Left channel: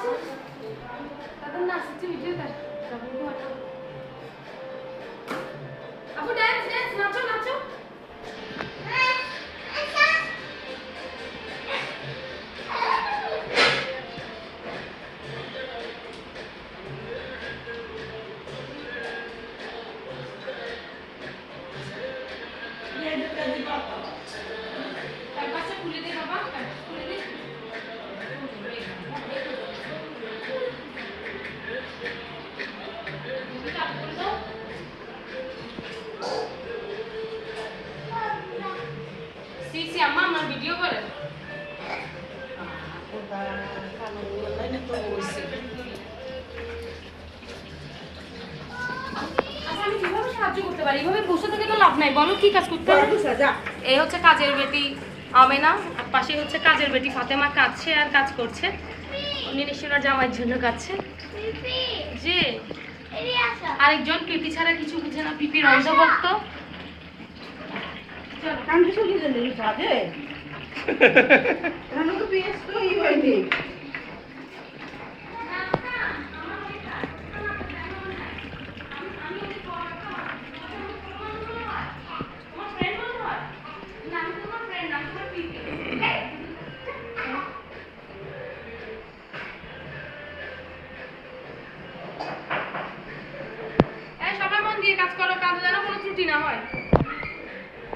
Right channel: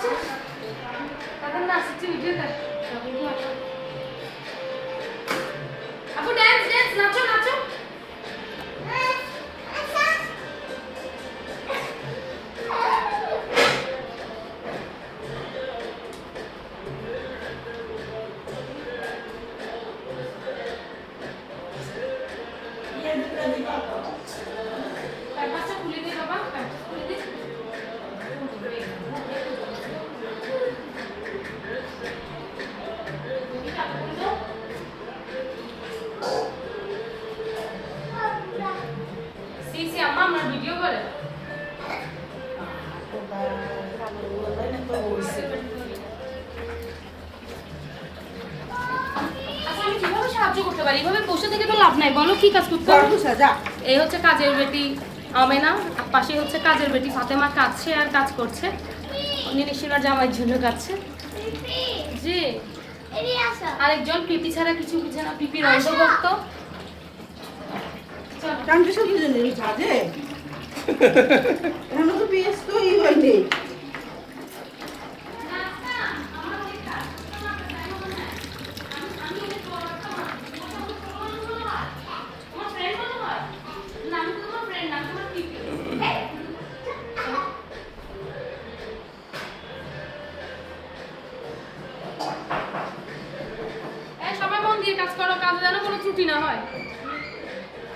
আছে তাদের না আসছে ভিডিওটা আপু ডান্স ডান্স নাচো নাচো পাশে খুলে দে বাবা খুলে দে সি আম্মা আমার ভিডিও করে আমি কিভাবে সাহায্য করতে পারি এভাবে বসে থেকে তো লাভ নাই বলো কি কাজ করতে হবে এই হচ্ছে কাজের বেটি আমেনা পাশে হচ্ছে কাজের বেটি ফাতেমা কাঁদছে আর কাজ করছে নিরিশিরা জামাইয়ের জন্য কাঁদছে জি আরেকজন পিপি ছাড়া কিছু বুঝে না পিপির অন্ধভক্ত কান্ট্রি বুঝে নেই কাজে রানো তো বেশ তো ই হয়নি সবাই মন দিয়ে কাজ করো কাজে যেন কোনো ত্রুটি না হয়